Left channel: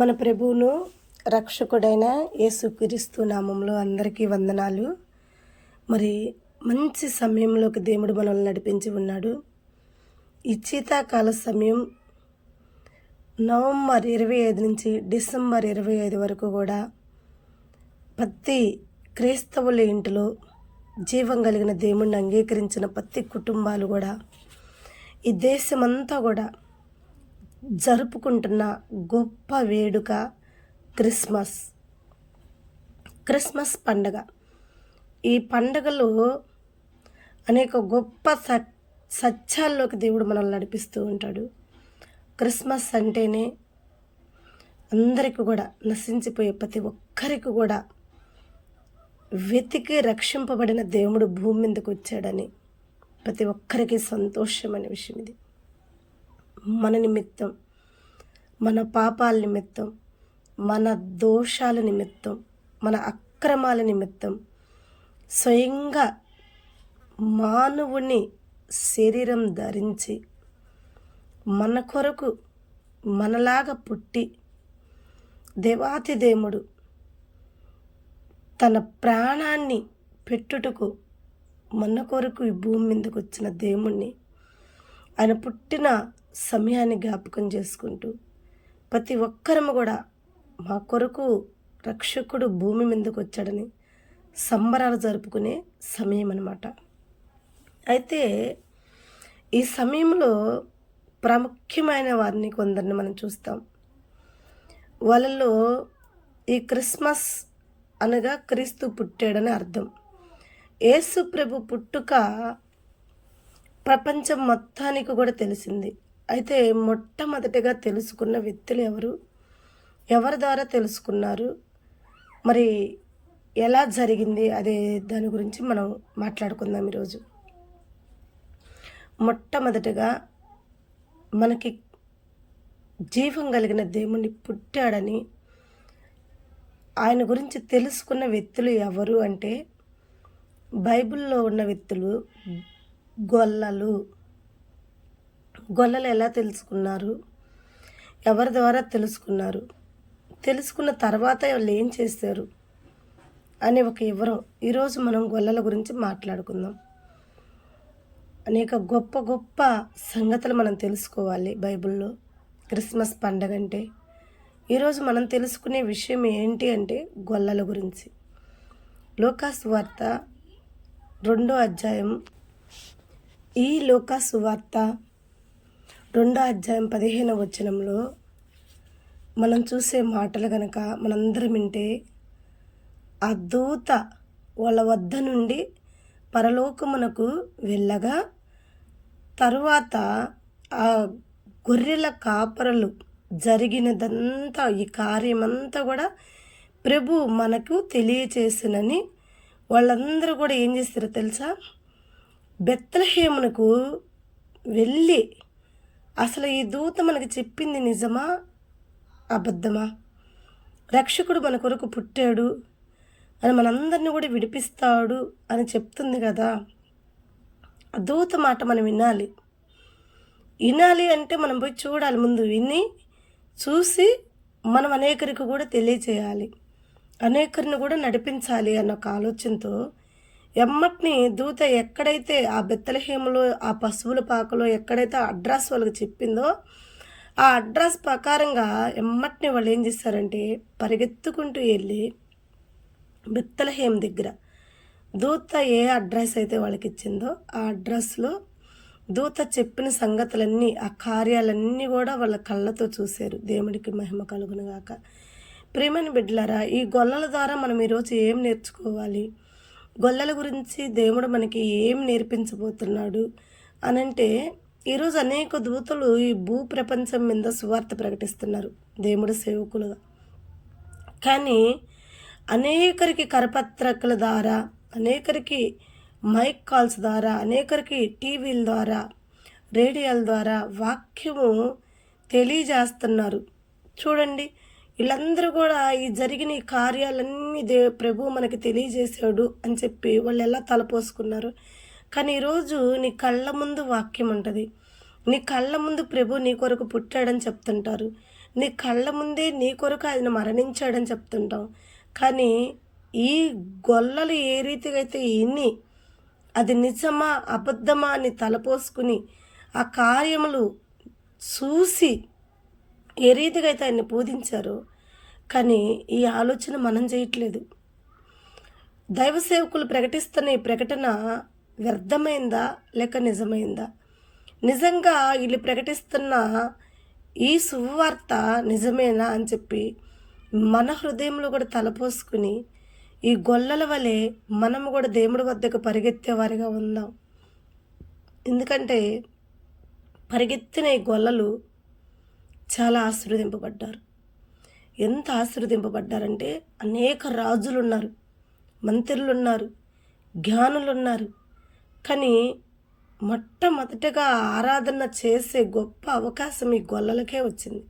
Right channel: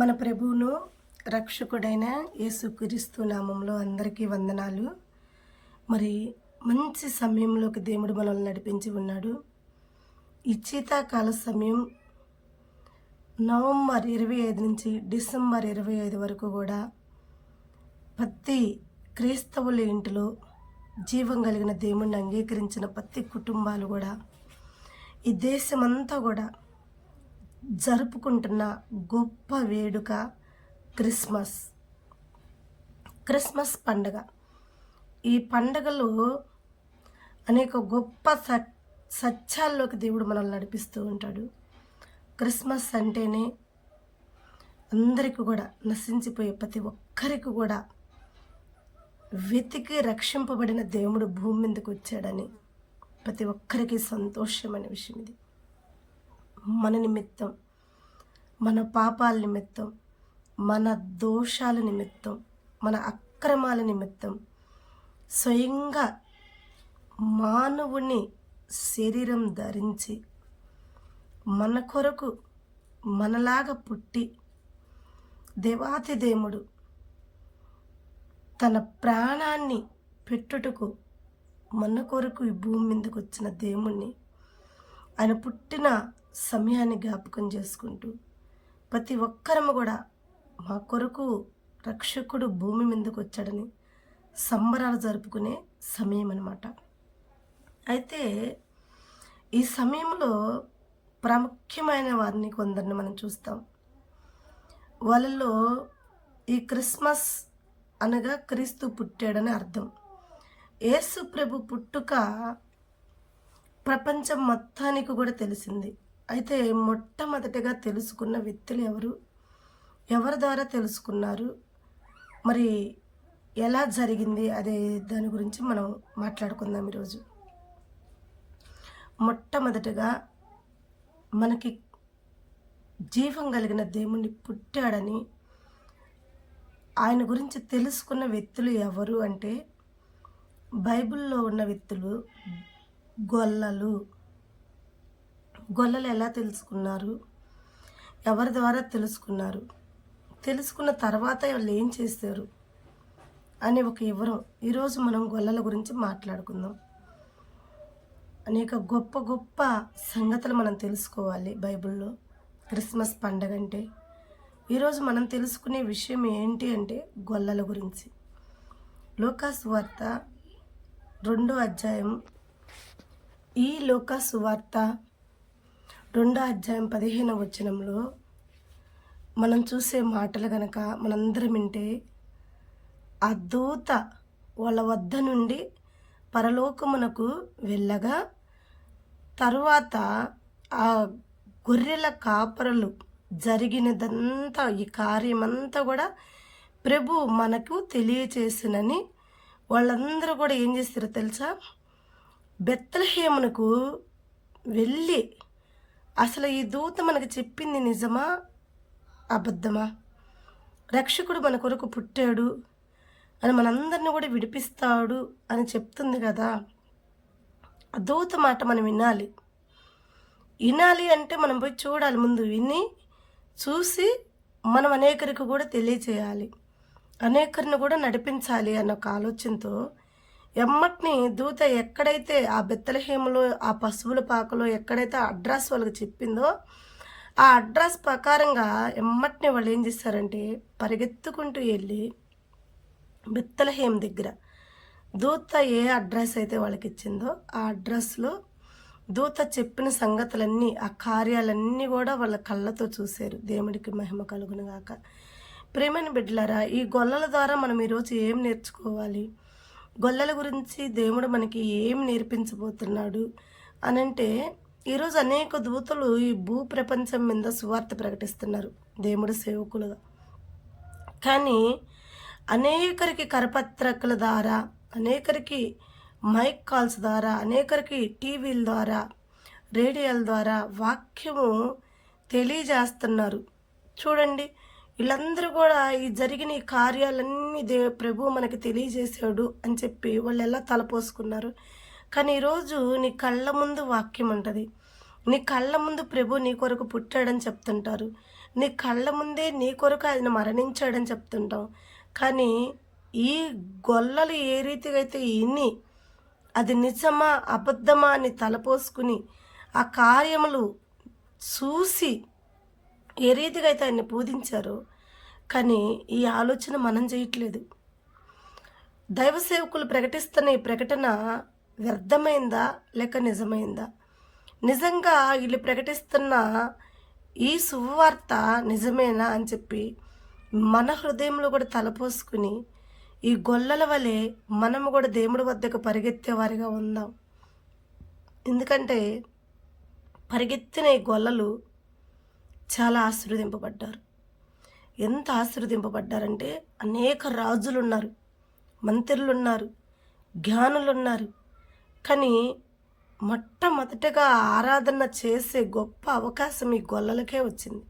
మన ప్రభువును రక్షకుడైన యేసుక్రీస్తు నామంలో అందరికీ వందనాలు. మరి మంచి సమయంలోకి దేవుడు మనల్ని నడిపించి ఉన్నాడు. ఈ శీతాకాల సమయం నవంబర్ 25 నుంచి డిసెంబర్ 25 వరకు కూడా ప్రతి క్రైస్తవుల ఇంటిలో జీవం కలిగిన దేవుణ్ణి అంగీకరించిన ప్రతి కుటుంబాలు కూడా ఈ దేశమంతా కూడా జరుపుకుంటున్న గొప్ప వేడుక క్రిస్మస్ పండగ. ఈ పండగలో అనేక గొప్ప సత్యాల్లోకి దేవుడు మనల్ని నడిపిస్తూ ఉంటాడు. క్రిస్మస్ అంటేనే అందరికీ కూడా నశించిపోయే ప్రతి ఒక్కరికి కూడా వెతికి రక్షింపబడిన దేవుడు భూమి మీదకి వచ్చాడని ప్రతి ఒక్కరికి సంతోషమైన విషయం ఇది. మన నిమిత్తం, మన పాపాల నిమిత్తం, మన దోషాల నిమిత్తం, మన అక్రమాల నిమిత్తం స్వయంగా మానవుని శరీరం ధరించి మన కొరకు మనలాగా పుట్టి దేవాతి దేవుడు తన ప్రాణాన్ని పెట్టుటకు మన కొరకు ఈ భూమి మీదకి వచ్చిన దేవుణ్ణి ఆయన పుట్టిన సమయాన్ని జ్ఞాపకం చేసుకుంటూ ప్రతి ఒక్కరము కూడా మా కొరకు రక్షకుడు భూమి మీదకి వచ్చాడని సంబరాలు జరుపుకునే సమయం అన్నమాట. అయితే ఈ సమయంలో ప్రాముఖ్యమైన వారిని కొందరిని మనం చూస్తాం. వాళ్ళలో ఈ క్రిస్మస్ అనగా క్రీస్తు పుట్టాడని అర్థం. యేసు ప్రభు పుట్టుక ప్రపంచం మొత్తానికి కూడా తెలిసింది. అయితే మొట్టమొదటిగా తెలుసుకున్న వ్యక్తులు ఎవరి ద్వారా తెలుసుకున్నారు, మరి ఎలా జరిగింది అదే దాని గురించి మనం మాట్లాడుకుందాం ఈరోజు. మొట్టమొదటిగా మనకి జీవం కలిగిన దేవుణ్ణి పుట్టాడని ఆయన గురించి తెలుసుకున్న వ్యక్తులు ఎవరు అంటే బైబిల్లో ఉన్న వ్యక్తులు గొల్లలు ఎలా తెలుసుకున్నారు, ఎవరి ద్వారా తెలుసుకున్నారు, తెలుసుకున్న తర్వాత వాళ్ళు ఏం చేశారు అనే ఒక వివరం ఈరోజు మనం గొల్లల గురించి మాట్లాడుకుందాం. అనేక గొప్ప గొప్ప సంగతులు మనం తెలుసుకోవాలి బైబిల్లో. క్రిస్మస్ పండగ అంటే ఈరోజు మనం తెలుసుకునే విషయం ఏంటి అంటే గొల్లల గురించి. లూకా సువార్త 2వ అధ్యాయం, ఈ లూకా సువార్త 2వ అధ్యాయం 15వ వచనంలో మనం చూసే మాటలు కనుక మనందరం వింటే, ఆ దూత వాళ్ళ వద్ద నుండి పరలోకమునకు వెళ్ళగా తరువాత ఆ గొర్రెల కాపరులు జరిగినదంతా ఈ కార్యమంతా కూడా ప్రభు మనకు తెలియచేసినని వాళ్ళందరూ కూడా ఏం చేస్తారో తెలుసా, బెత్లెహేమునకు వెళ్ళి అసలు ఈ దూత మనకి చెప్పింది నిజమా అబద్ధమా, రక్షకుడు మన కొరకు పుట్టాడు అని మనందరిని కూడా విడిపిస్తాడు అని చెప్తుంది కదా. ఆ దూత మాట మనం వినాలి అంటే మనం పోయి చూడాలి. ముందు విని చూసి మనం అనేకరికి కూడా తెలియచేయాలి, అనేకరిని కూడా నడిపించాలి అన్న ఒక ఆలోచనతో ఎమ్మటిని దూత ఎక్కడైతే ఆ బెత్లెహేములో ఆ పశువుల పాకలో ఎక్కడైతే అడ్రస్ వాళ్ళకి చెప్పిందో ఆ అడ్రస్ ప్రకారంగా ఎమ్మటిని వాళ్ళు ఏం చేస్తారంటే పరిగెత్తుకుంటూ వెళ్ళి బెత్లెహేము దగ్గర దూత ఏ అడ్రస్ అయితే వాళ్ళకి ఇచ్చిందో ఆ అడ్రస్లో దూత చెప్పిన సంగతులన్నీ, ఆ కార్యాలన్నీ కూడా వాళ్ళ కళ్ళతో చూశారు. దేవుడికి మహిమ కలుగునుగాక. ప్రియమైన బిడ్డలారా, ఈ గొల్లల ద్వారా మనం ఈరోజు ఏం నేర్చుకోవాలి, గొల్లల గురించి దేవుడు మనకి ఏం నేర్పించబోతున్నాడు అనంటే, ఈరోజు అనేక దూతలు ఈ భూ ప్రపంచం మీద సువార్త ప్రకటిస్తున్నారు దేవుడు సేవకులుగా. కానీ అనేకరికి కరపత్రికల ద్వారా, అనేకరికి మైక్ కాల్స్ ద్వారా, అనేకరికి టీవీల ద్వారా, రేడియోల ద్వారా వాక్యము తెలియజేస్తున్నారు. చూడండి, వీళ్ళందరూ కూడా ఈ జరిగిన ఈ కార్యాలన్నీ ప్రభు మనకి తెలియజేశాడు అని చెప్పి వాళ్ళు ఎలా తలపోసుకున్నారు. కానీ ఈరోజు నీ కళ్ళ ముందు వాక్యం ఉంటుంది, నీ కళ్ళ ముందు ప్రభు నీ కొరకు పుట్టాడని చెప్తుంటారు. నీ కళ్ళ ముందే నీ కొరకు ఆయన మరణించాడని చెప్తుంటాం. కానీ ఈ గొల్లలు ఏ రీతిగా అయితే ఇన్ని అది నిజమా అబద్ధమా అని తలపోసుకుని ఆ కార్యములు చూసి ఏ రీతిగా అయితే ఆయన్ని పూజించారో, కానీ ఈ ఆలోచన మనం చేయట్లేదు. దైవ సేవకులు ప్రకటిస్తున్న ఈ ప్రకటన వ్యర్థమైందా లేక నిజమైందా? నిజంగా వీళ్ళు ప్రకటిస్తున్న ఈ శుభవార్త నిజమేనా అని చెప్పి మన హృదయంలో కూడా తలపోసుకుని ఈ గొల్లల వలె మనము కూడా దేవుడి వద్దకు పరిగెత్తేవారిగా ఉందాం. ఎందుకంటే పరిగెత్తిన ఈ గొల్లలు చాలా ఆశీర్వదింపబడ్డారు. ఎంత ఆశీర్వదింపబడ్డారంటే అనేక రాజులు ఉన్నారు, మంత్రులు ఉన్నారు, జ్ఞానులు ఉన్నారు. కానీ మొట్టమొదటగా ఆరాధన చేసే గొప్ప అవకాశం ఈ గొల్లలకే వచ్చింది.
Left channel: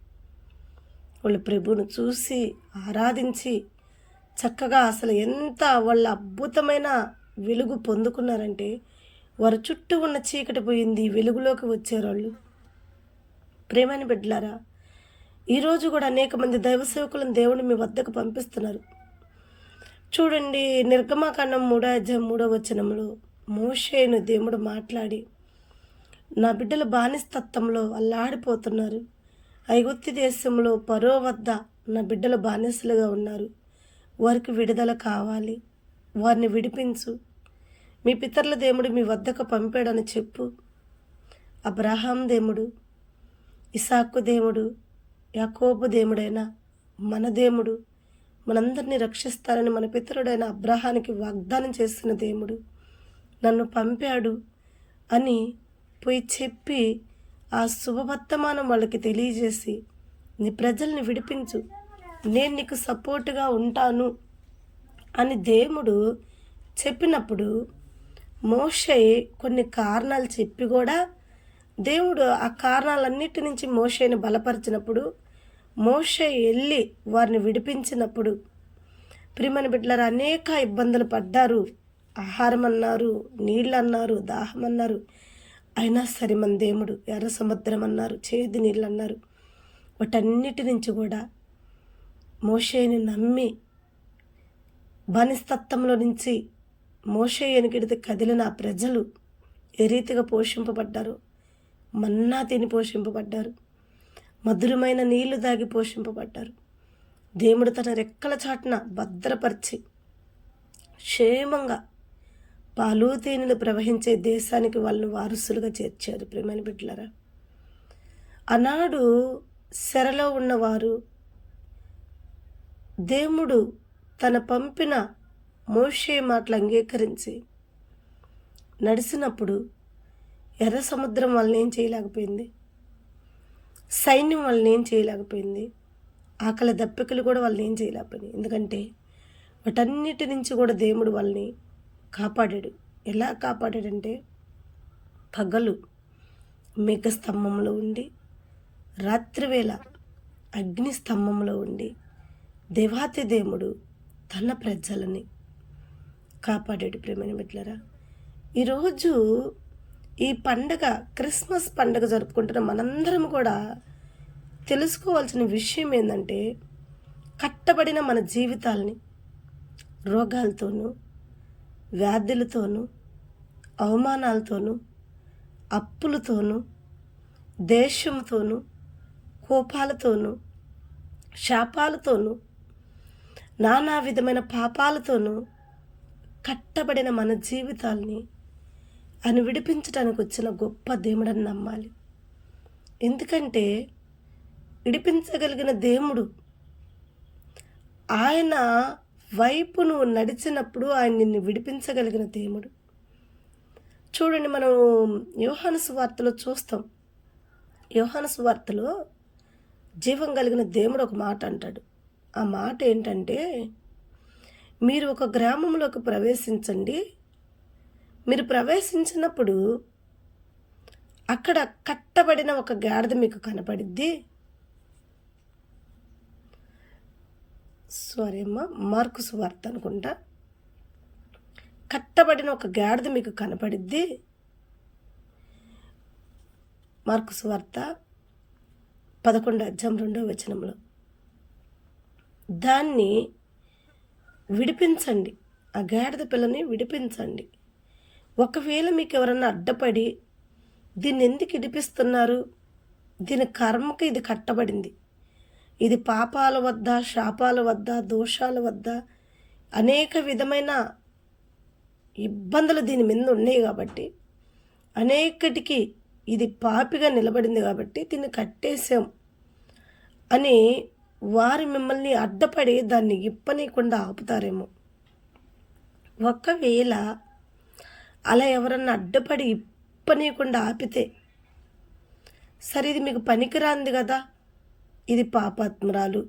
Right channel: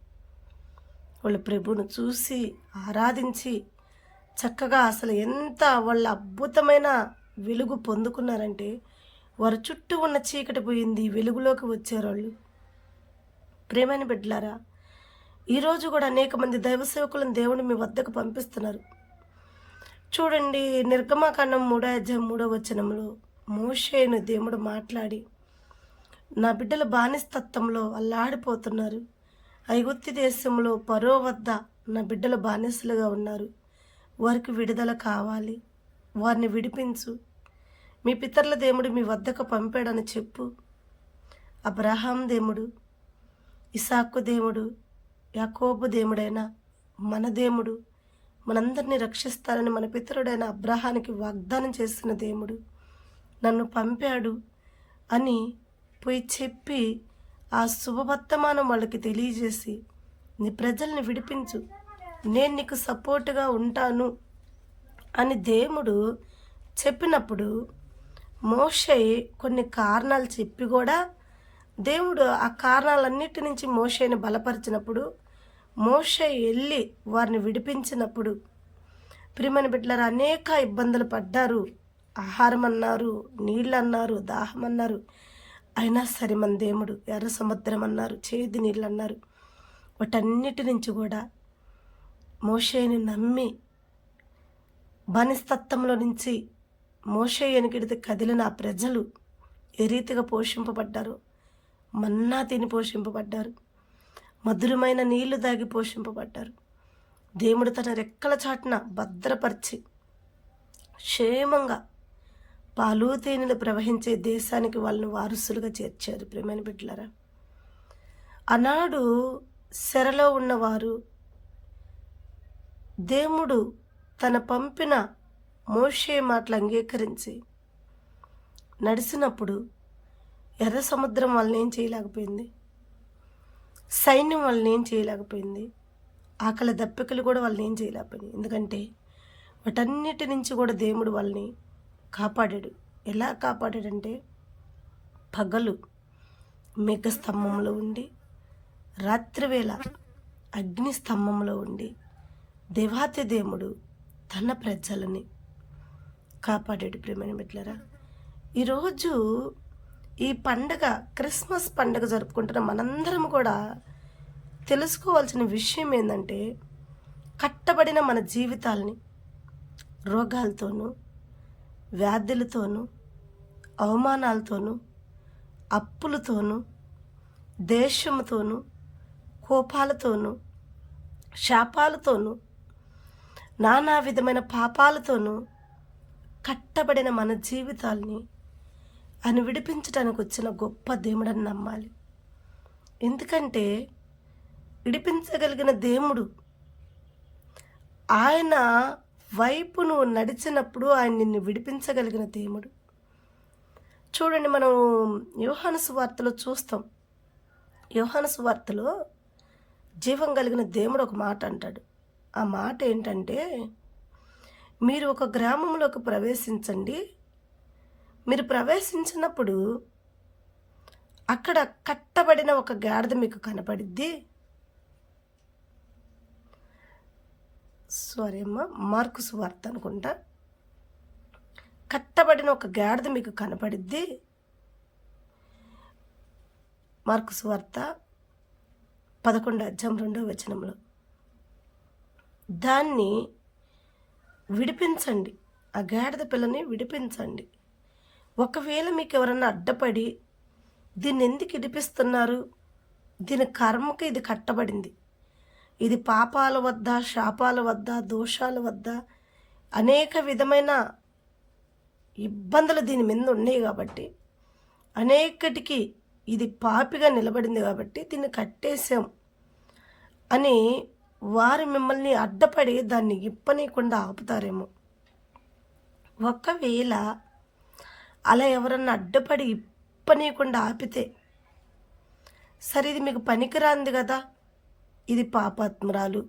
వాళ్ళు ప్రభువును చూసి ఆరాధించి చక్కగా అసలు ఎంత వాళ్ళ అద్భుతమైన వెలుగు పొందుకున్నారంటే వారి చుట్టూ ఉన్న చీకటి పోయింది, వెలుగులోకి వచ్చారు వాళ్ళు. ప్రేమని బిడ్డలారా, ఈరోజు కూడా అనేక మంది దైవ సేవకులను దేవుడు మీ వద్దకు పంపిస్తున్నారు. చూడండి, నిర్గమాకాండం 3:3 మోషేను దేవుడు మాట్లాడి, నా బిడ్డలు బానిసత్వంలో అల్లాడిపోతున్నారు, ఐగుప్తు దేశంలో ఫరో వద్ద నా బిడ్డలు బానిసలుగా ఉన్నారు, వారికి విడుదల కావాలి, వారిని విడిపించు, మీ పితరుల దేవుడు మీ వద్దకు పంపాడని చెప్పు. అబ్రహాం దేవుడు, ఇసాకు దేవుడు, యాకోబు దేవుడైన మన దేవుడు మనందరినీ రక్షిస్తారని మన పితరుడైన అబ్రహానికి వాగ్దానం చేసిన దేవుడు నన్ను పంపాడు అని పోయి చెప్పి ఆ శుభవర్తమానం వాళ్ళకి తెలియజేసి, నీ ప్రజల్ని విడిపించు, నేను నీకు సపోర్టుగా ఉంటాను అని దేవుడు చెప్పినప్పుడు మోషే కొన్ని కారణాలు చెప్పి కూడా దేవుడు ఆ కారణాలన్నిటి నుంచి మోషేని బలపరిచినప్పుడు, మోషే వెళ్ళి వారిని విడిపించినప్పుడు, ప్రియమైన బిడ్డలారా, అనేక ఇబ్బందులు పడ్డారు. ఆహారం అన్నారు, నీళ్ళు అన్నారు, దాహం అన్నారు. అయినా సరే మన దేవుడు ఎర్ర సముద్రం అన్నారు, చేదు నీళ్ళు అన్నారు. వాటన్నిటి నుంచి కూడా మోషేని నమ్మి బానిసత్వంలో నుంచి మోషే ఎనికిడితే కదిలిన ఆ ప్రజలు ఏ రీతిగా పోషింపబడ్డారు. మన్నా తిని పోషింపబడ్డారు, మధురమైన నీళ్లు దాగి పోషింపబడ్డారు. దేవుడు తన రెక్కల చాటున భద్రపరిచి క్షేమంగా పాలు తేనెలు ప్రవహించే దేశానికి వాళ్ళని వారసులుగా చేర్చారు. ప్రియమైన బిడ్డలారా, ఆనాడు చెరలో ఉన్నవారు దేవుడు తన పంపిన మోషే మాటలు అంగీకరించి నడిచినప్పుడు ఎర్ర సముద్రం వాళ్ళని ఏం చేయలేకపోయింది, సైన్యం వాళ్ళని ఏం చేయలేకపోయింది, ఆకలి దప్పికలు కూడా వాళ్ళని ఏం చేయలేకపోయింది. ఎందుకంటే వాటన్నిటి నుంచి కూడా దేవుడు వాళ్ళని కాపాడాడు. ఎలా కాపాడాడంటే, పగలు మేఘ స్తంభంలో ఉండి, రాత్రివేళ అగ్ని స్తంభంలో ఉండి దేవాతి దేవుడు తన ప్రజలని కాపాడాడు. ప్రేమైన బిడ్డలారా, ఈరోజు ఈ పండగ, క్రిస్మస్ పండగ జరుపుకుంటున్న మనందరం కూడా తెలుసుకోవాల్సిన విషయం ఏంటంటే, కట్టబడిన మన జీవితాల్ని రోగాలతోనూ, వ్యాధులతోనూ, అవమానాలతోనూ, అప్పులతోనూ, దేశంతోనూ, కోపాలతోనూ, శాపాలతోనూ, నానా విధమైన పాపాలతోనూ కట్టబడిన మన జీవితాల్ని ఆయన విడిపించడానికి వచ్చిన గొప్ప దేవుడని నమ్మాలి. ఎందుకంటే విడిపించగలిగిన దేవుడు, ఆయన వైపు నువ్వు నడిచినప్పుడు ఆయన నిన్ను విడిపించగలిగిన దేవుడు. చూడండి, మనం యోహాను సువార్తలో చూస్తాం. యోహాను సువార్తలో జీవం కలిగిన దేవుడు ఒక మాట అంటాడు. ఆ మాట ఏంటంటే, మీరు ఒక గ్రామంలోకి ప్రవేశించండి, మీరు ప్రవేశించినప్పుడు అక్కడ కట్టబడిన ఒక గాడిద మీకు కనపడిద్ది. సారీ అమ్మ, మార్కు సువార్త అనుకుంటా. కట్టబడిన ఒక గాడిద మీకు కనపడిద్ది. మార్కు సువార్త 11 దాన్ని విడిపించండి. ఆ గాడిద పిల్లని విడిపించండి. ఒకవేళ మీకు ఎవరన్నా అడ్డపడి దీన్ని ఎందుకు విడిపిస్తున్నారు, దీని కర్మకి ఇది కట్టబడింది, ఇది పాపాల వద్ద, శాపాల వద్ద, దోషాల వద్ద అనేక విధమైన ఇబ్బందులు దీని మీద ఉన్నాయి కాబట్టి, అనేకటికి ఇది పాపిగా నిలబడింది కాబట్టి దీన్ని కట్టేశాం అని వారు మిమ్మల్ని అడ్డపడి దాన్ని ఇప్పనీయకుండా ఆపుతారేమో. ఒకవేళ అలా ఎవరన్నా అడ్డపడి ఇప్పనీయకుండా ఆపితే, సరే ఇది మీకు పనికిరాంది కదా, ఇది పాపాత్మురాలు,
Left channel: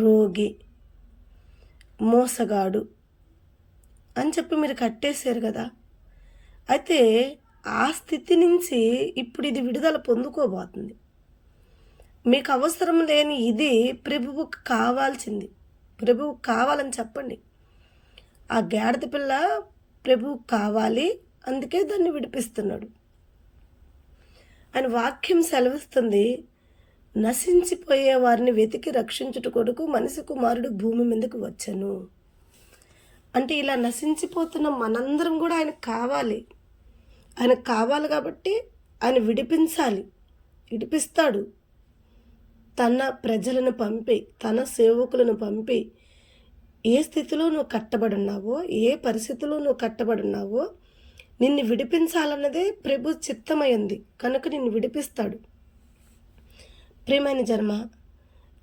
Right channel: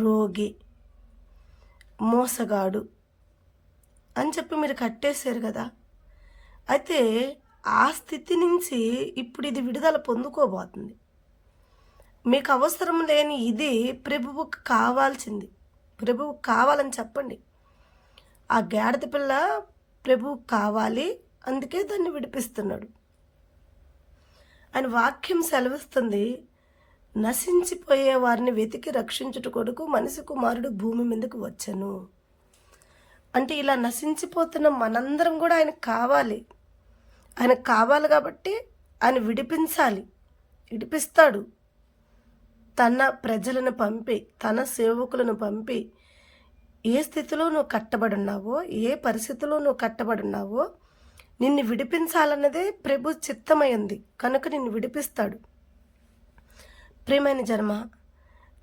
రోగి, మోసగాడు అని చెప్పి మీరు కట్టేశారు కదా. అయితే ఆ స్థితి నుంచి ఇప్పుడు ఇది విడుదల పొందుకోబోతుంది. మీకు అవసరం లేని ఇది ప్రభువుకు కావాల్సింది. ప్రభువుకు కావాలని చెప్పండి. ఆ గాడిద పిల్ల ప్రభువుకు కావాలి, అందుకే దాన్ని విడిపిస్తున్నాడు. ఆయన వాక్యం సెలవిస్తుంది, నశించిపోయే వారిని వెతికి రక్షించుట కొరకు మనిషి కుమారుడు భూమి మీదకు వచ్చెను. అంటే ఇలా నశించిపోతున్న మనందరం కూడా ఆయనకు కావాలి. ఆయనకు కావాలి కాబట్టి ఆయన విడిపించాలి, విడిపిస్తాడు. తన ప్రజలను పంపి, తన సేవకులను పంపి, ఏ స్థితిలో నువ్వు కట్టబడి ఉన్నావో, ఏ పరిస్థితిలో నువ్వు కట్టబడి ఉన్నావో నిన్ను విడిపించాలన్నదే ప్రభు చిత్తమైంది కనుక నిన్ను విడిపిస్తాడు. ప్రియమైన జన్మ,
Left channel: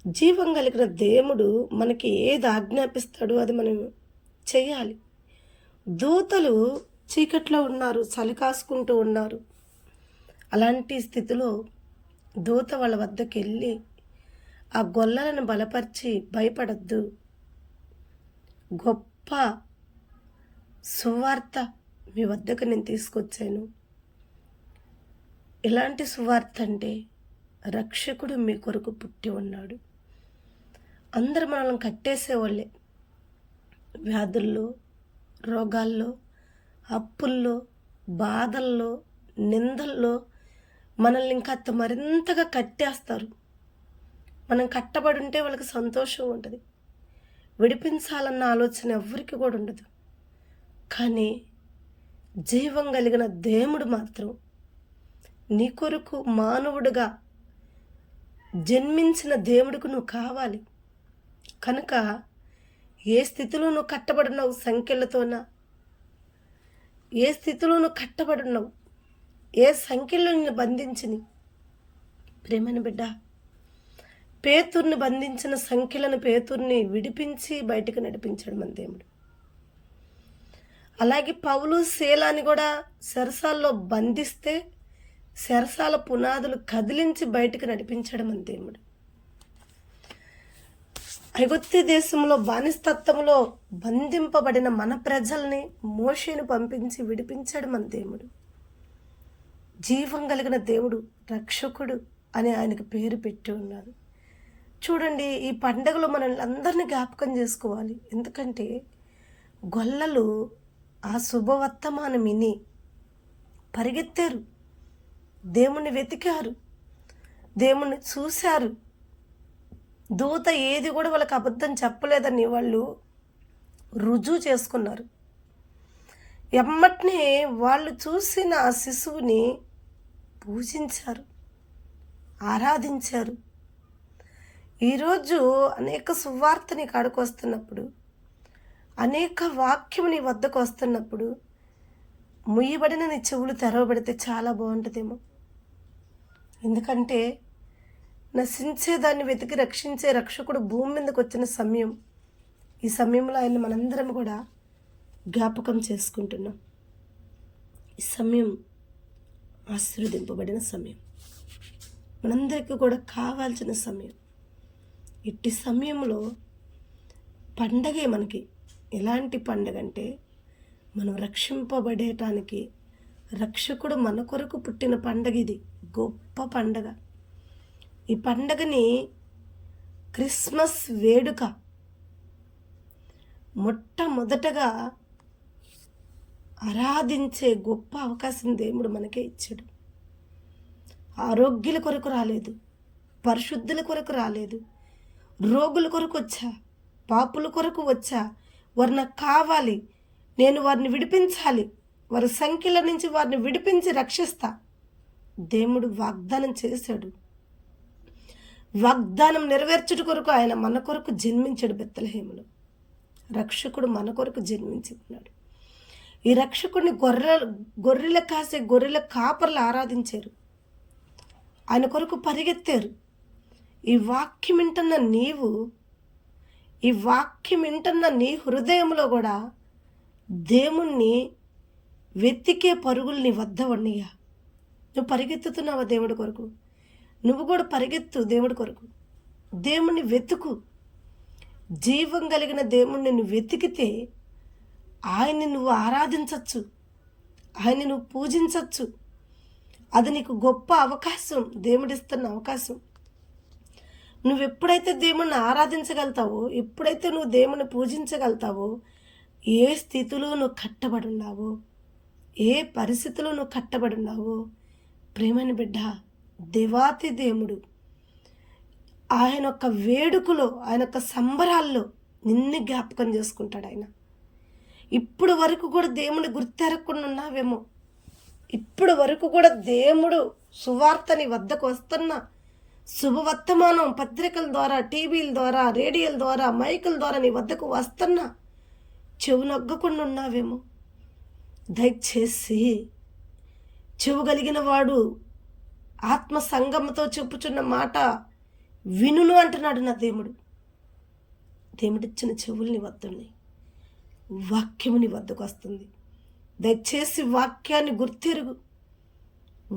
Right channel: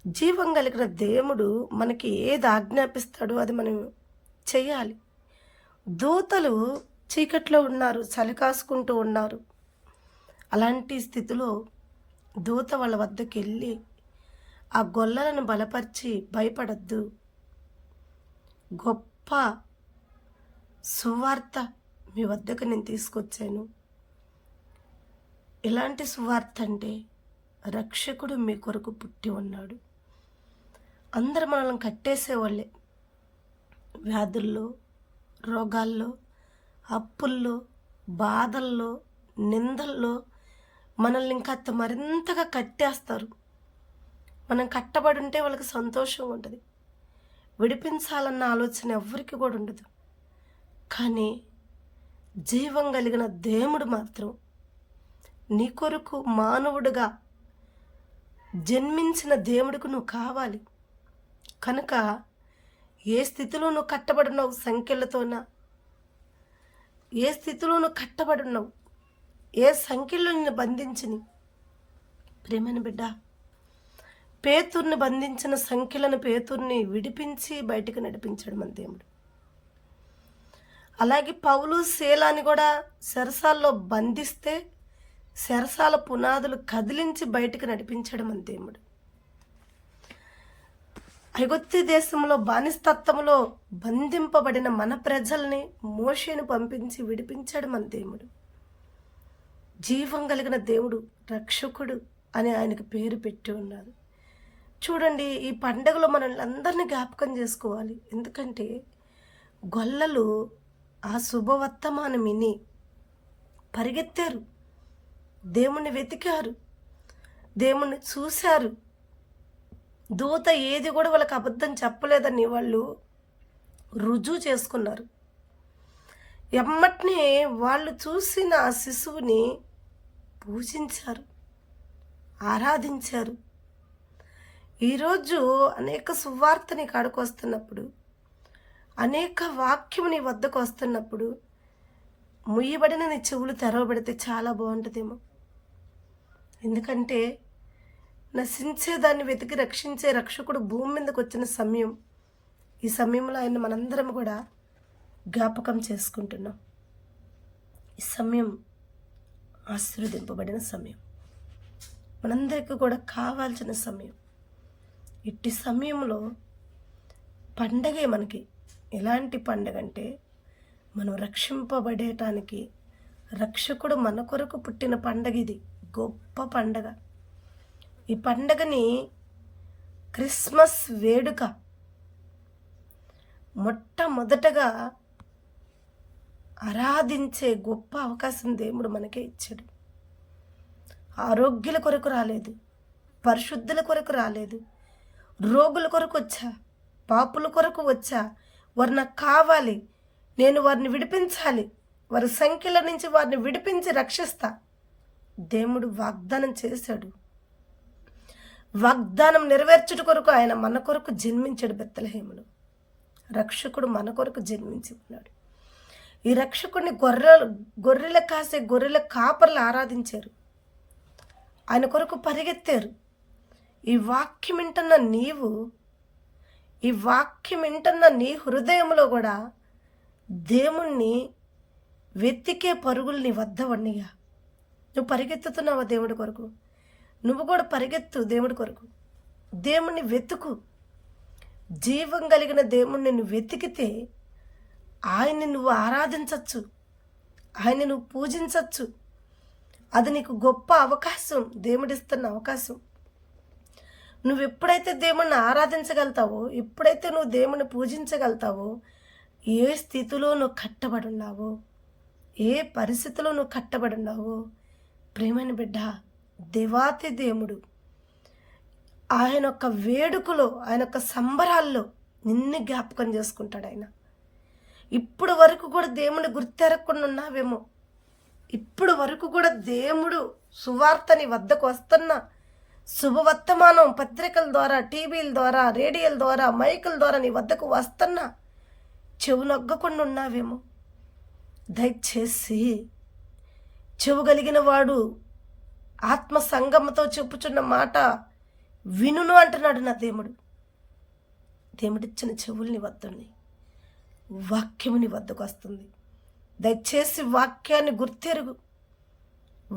జీవం కలిగిన దేవుడు మనకి ఏది ఆజ్ఞాపిస్తాడో అది మనం చెయ్యాలి. దూతలు చీకట్లో ఉన్నారు, చలి కాసుకుంటూ ఉన్నారు. అలాంటి స్థితిలో దూత వాళ్ళ వద్దకు వెళ్ళి ఆ గొల్లలను బలపరిచి, భయపడద్దు, గొప్ప సువార్త మీ వద్దకు నేను తీసుకొచ్చాను. ఎలాంటి సువార్త అంటే, రక్షకుడు మీ కొరకు పుట్టి ఉన్నాడు. అందరు మనల్ని కట్టేసేవాళ్ళే, వ్యాధుల్లో, రోగాల్లో, అప్పుల్లో, బాధల్లో, నిందల్లో మనల్ని ఇంకా మరింతగా కట్టేస్తారు. మనం కట్టబడి ఉంటే వాళ్ళకి సంతోషం ఉంటుంది, విడిపించాలన్న ఆలోచన ఎవరికి కూడా ఉండదు. కానీ జీవం కలిగిన దేవుడు మాత్రం నీ కొరకు మానవుడిగా జన్మించిన దేవుడికి నువ్వు కావాలి. కనుక ఏ స్థితిలో నువ్వు కట్టబడినావు, సంఖ్యలతోనా, ఏ స్థితిలో నువ్వు కట్టబడినావు, ఏ సంఖ్యలో నిన్ను బంధించిని. ప్రేమని బిడ్డ, పేతుర్ని బంధించిన సంఖ్యలను పేతుర్ని విడిపించి బయటికి నడిపించాడు మన దేవుడు. అలాగే పౌలు శీలాని కూడా చెరసాల్లో బంధిస్తే చెరసాల పునాదులు కదిలించి బయటికి నడిపించాడు మన దేవుడు. ఐగుప్తు దేశంలో బానిస్తత్వంలో బంధింపబడిన మన ప్రజల్ని మోషేను పంపించి విడిపించాడు మన దేవుడు. జీవం కలిగిన దేవుడు, రక్షకుడు అని ఆయనకు పేరు పెట్టి ఉన్నారు. చూడండి, ఈ పండుగలో మనల్ని అందరినీ జ్ఞాపకం చేసుకోవాలి. ఎందుకంటే గొల్లలు ఆ శుభవర్తమానం విని పరిగెత్తారు, దేవుణ్ణి వెతికారు, దేవుణ్ణి చూశారు. దూత ఏది కూడా వాళ్ళకి అబద్ధం చెప్పలేదని వాళ్ళు రుజువు చేసుకున్నారు. ఎమ్మటినే వాళ్ళు చూసిన ఆ శిశువుని పూజించారు, ఆరాధించారు. ఈరోజు అనేక సువార్త నీ కాడికి వస్తున్నప్పుడు, అనేక వాక్యం నీ వద్దకు వస్తున్నప్పుడు ముయ్యబడిన నీ చెవులు తెరవబడితే చాలా బాగుంటుందేమో. ఎందుకంటే నశించేదాన్ని వెతికి రక్షించే రక్షకుడు భూమి మీదకి వచ్చిన సమయం. ఈ సమయంలో ఆయన మనందరం కూడా జ్ఞాపకం చేసుకుంటున్నాం. ఈ సమయం ఆశీర్వదింపబడిన సమయం, మనందరికీ కూడా కావాల్సిన సమయం. ఇట్టి సమయంలో పండగే మనకి ఎలాంటి పండగ అంటే, మనం రక్షింపబడేటానికి రక్షకుడు మన కొరకు పుట్టిన పండగ. ఇది గొప్ప పండగ. ఈ పండగని క్రిస్మస్ వేడుక మొట్టమొదటగా ఆరాధించే గొప్ప అవకాశం దేవుడు మనకే ఇచ్చాడు. ఆరోగ్యుల కొరకు రాలేదు, పరిశుద్ధుల కొరకు రాలేదు, రోగుల కొరకు వచ్చా, పాపుల కొరకు వచ్చా. వారు నాకు కావాలి, నేను వారిని విడిపించాలి, వారి సంఖ్యల నుంచి వారిని విడిపించి రక్షిస్తా. దేవుడు వాగ్దానం చేశాడు. వాగ్దానం నెరవేర్చుట కొరకు ఆయన మన కొరకు జన్మించాడు బెత్లెహేములో. రక్షకుడు మన కొరకు జన్మించి ఉన్నాడు. ఈ రక్షకుడిని గొర్రెల కాసే గొర్రెల కాపర్లు ఆరాధించారు, ఆయన కొరకు పరిగెత్తారు. ఈ వాక్యం వింటున్న నీవు, ఈ వాక్యం వింటున్న నీ హృదయంలో కూడా దేవుణ్ణి వెతికే పరుగులు నీ వద్ద ఉన్నయ్యా. నువ్వు పరిగెత్తుతున్నావా దేవుడి కొరకు? నువ్వు కూడా పరిగెత్తు దేవుడి కొరకు. దేవుణ్ణి వెతుకు. జీవం కలిగిన దేవుణ్ణి నువ్వు వెతికితే ఆయన్ని నువ్వు ఆరాధించవచ్చు, ఆయన్ని నువ్వు పూజించవచ్చు. అది నీకు గొప్ప అవకాశం, దేవుడిస్తున్న అవకాశం. నువ్వు ఎప్పుడైతే దేవుణ్ణి ఆరాధించగలుగుతావో, ఎప్పుడైతే నువ్వు దేవుణ్ణి పూజించగలుగుతావో, ఏ స్థితిలో నువ్వు కట్టబడి ఉన్నావో, ఏ పరిస్థితిలో నువ్వు కట్టబడి ఉన్నావో, ప్రేమని బిడ్డ, దేవాతి దేవుడు ఆయన యొక్క వేడుకలో, ఆయన యొక్క సంబరాల్లో నిన్ను జ్ఞాపకం చేసుకుంటాడు. ఆయన ఇప్పుడు వరకు కూడా దేవుని గుర్తెరగకుండా ఉన్నావేమో, ఇప్పుడు వరకు కూడా దేవుడు సువార్తని వద్దకు వస్తున్న శుభవర్తమానం పత్రికల ద్వారా, టీవీల ద్వారా, రేడియోల ద్వారా, మైకుల ద్వారా నీ వద్దకు వస్తున్నా చెవు నొగ్గకుండా ఉన్నావేమో. దయచేసి చెవు కలిగిన వాడు ఆత్మ సంగమతో చెప్పుచున్న మాట వినును అంటున్నాడు నా దేవుడు. దేవుడిచ్చిన చెవుల్ని వద్దుని వాక్యముని వద్దకు వస్తుంది. దయచేసి వాక్యాన్ని గుర్తెరుగు,